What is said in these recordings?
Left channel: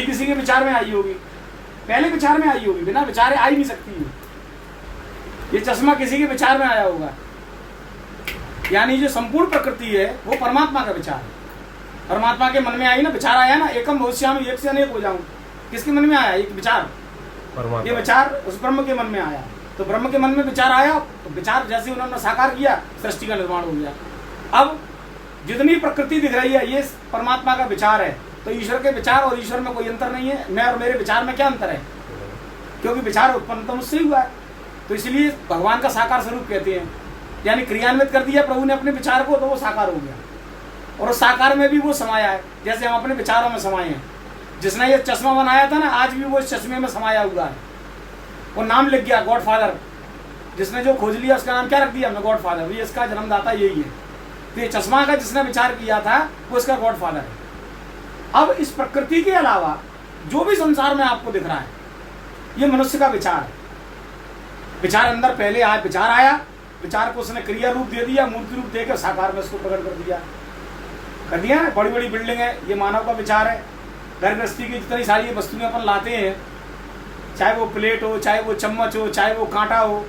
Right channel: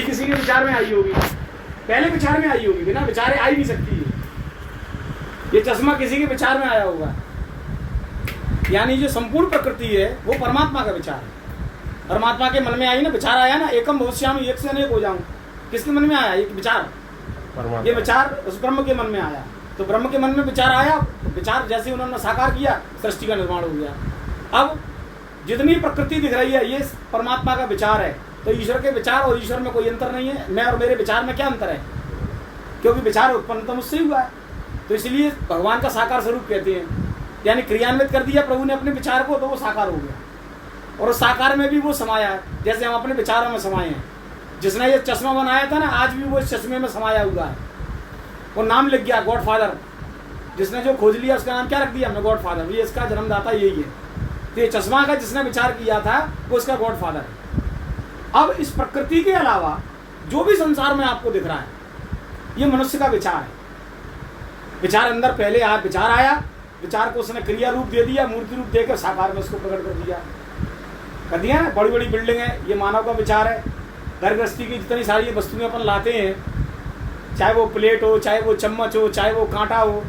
वही किसी के विचार में आई होगी, पहले विचार में आई होगी, बिना विचारे आ ही नहीं सकती है। ये चश्मा किसी के विचार में आया होगा। यानी जो संपूर्ण प्रकृति है वो परमात्मा का विचार है। परमात्मा के मन में आई ना, विचार आया ना, एकम भविष्यामि, एक से अनेक हो जाऊं। किसके मन में आया? एक विचार, ये विचार उस ब्रह्म के मन में आया। तो ब्रह्म के मन में विचार आया, तो विचार जैसे उन्होंने साकार किया, सृष्टि का निर्माण हो गया। अब जितनी प्रकृति दिख रही है ये परमात्मा का विचार है। तो ईश्वर के विचार और ईश्वर में कोई अंतर नहीं है। मैं और मेरे विचार में क्या अंतर है? क्योंकि विचार उत्पन्न तो मुझसे ही हुआ है। तो इसलिए भगवान का साकार स्वरूप कहते हैं। यानी क्रियान्वित कर दिया प्रभु ने अपने विचार को, तो वो साकार हो गया। और उस साकार में भी वो समाया है, जैसे हम अपने विचारों में समाये हैं। जिसने ये चश्मा बनाया था ना, आज भी वो इस चश्मे में समाया हुआ है। वो नाम लिख गया गॉडफादर। जिसने जो खोज लिया उसका नाम क्या रख दिया हमने? गॉडफादर। ये इसका जन्मदाता यही है। तो ये चश्मा का जिसने विचार किया था वो इसका गॉडफादर है। अब इस प्रकृति के अलावा जो भी संसार में आपको दिख रहा है ये मनुष्य का विचार है। विचार अंदर पहले आया, विचार आया, विचार को उसने क्रिया रूप दे दिया, मूर्ति रूप देकर साकार में उसको प्रकट कर दिया ना। बड़ी बड़ी बिल्डिंग है, ये मानव का विचार है। घर गृहस्थी की जितनी सारी वस्तुएं अपन लाते हैं, चाहे वो प्लेट हो, चाहे वो चम्मच हो, चाहे वो कांटा हो,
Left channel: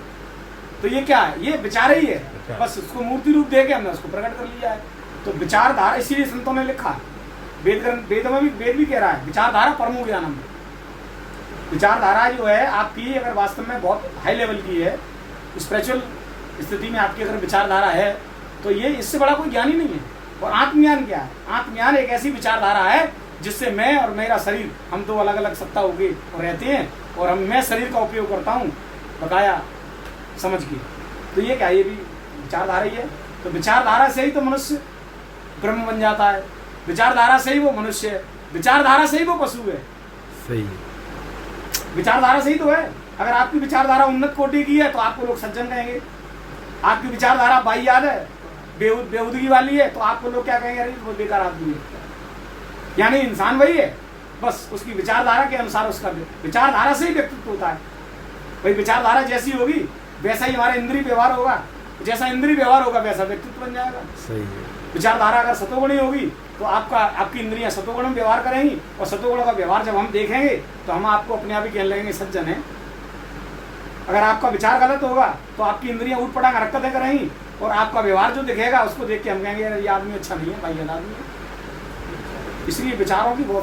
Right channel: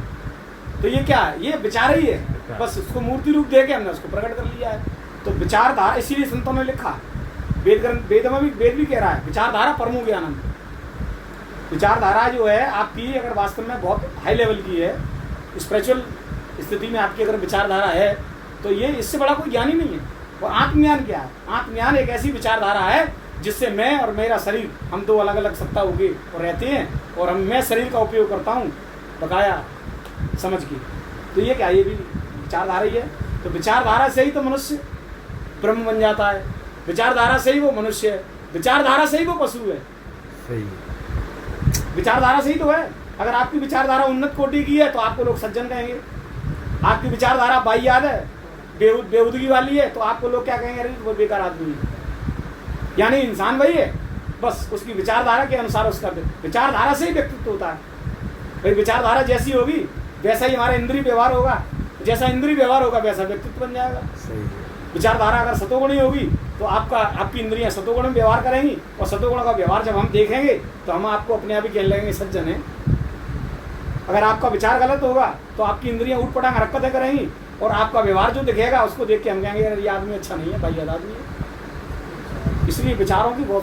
तो ये क्या है? ये विचार ही है। बस उसको मूर्ति रूप देके हमने उसको प्रकट कर लिया है। तो विचारधारा, इसीलिए संतों ने लिखा, वेद में भी, वेद भी कह रहा है विचारधारा परमो ज्ञानम। विचारधारा जो है आपकी, अगर वास्तव में बहुत हाई लेवल की है, स्पिरिचुअल स्थिति में आपकी अगर विचारधारा है, तो ये इससे बड़ा कोई ज्ञान ही नहीं है। और आत्मज्ञान क्या है? आत्मज्ञान एक ऐसी विचारधारा है जिससे मैं और मेरा शरीर, हम दो अलग अलग सत्ता होके और रहते हैं, और मैं शरीर का उपयोग करता हूँ बकाया समझ के। तो ये क्या, ये भी विचारधारा ही है। तो विचारधारा से ही तो मनुष्य ब्रह्म बन जाता है, विचारधारा से ही वो मनुष्य है, विचारधारा से ही वो पशु है। सही, विचारधारा से ही तो है। अगर आपकी विचारधारा उन्नत कोटि की है तो आपको लोग सज्जन कहेंगे। आपकी विचारधारा बाह्याद है, बेहूदगी वाली है, तो आपको लोग क्या कहेंगे? अरे वो बेकार आदमी है। यानी इंसान वही है, बस उसकी विचारधारा के अनुसार उसका विचारधारा से ही व्यक्तित्व होता है। भाई विचारधारा जैसी होगी वैसा ही हमारा इंद्रिय व्यवहार होगा, जैसा इंद्रिय व्यवहार होगा वैसा व्यक्तित्व बन जाएगा। सही है। विचारधारा अगर सतोगुणी होगी तो आपकी इंद्रियां सतोगुण में व्यवहार करेंगी, और सतोगुण का व्यवहार जब हम देखेंगे तो हम आपको अपने आप ही कहने लगेंगे सज्जन है। अगर आपका विचार गलत होगा तो आपकी इंद्रियां ऊट पटांग हरकतें करेंगी, और आपका व्यवहार जो दिखेगा उसको देख के हम कहेंगे ये आदमी अच्छा नहीं है, भाई आदमी है। इसलिए विचारों की बहुत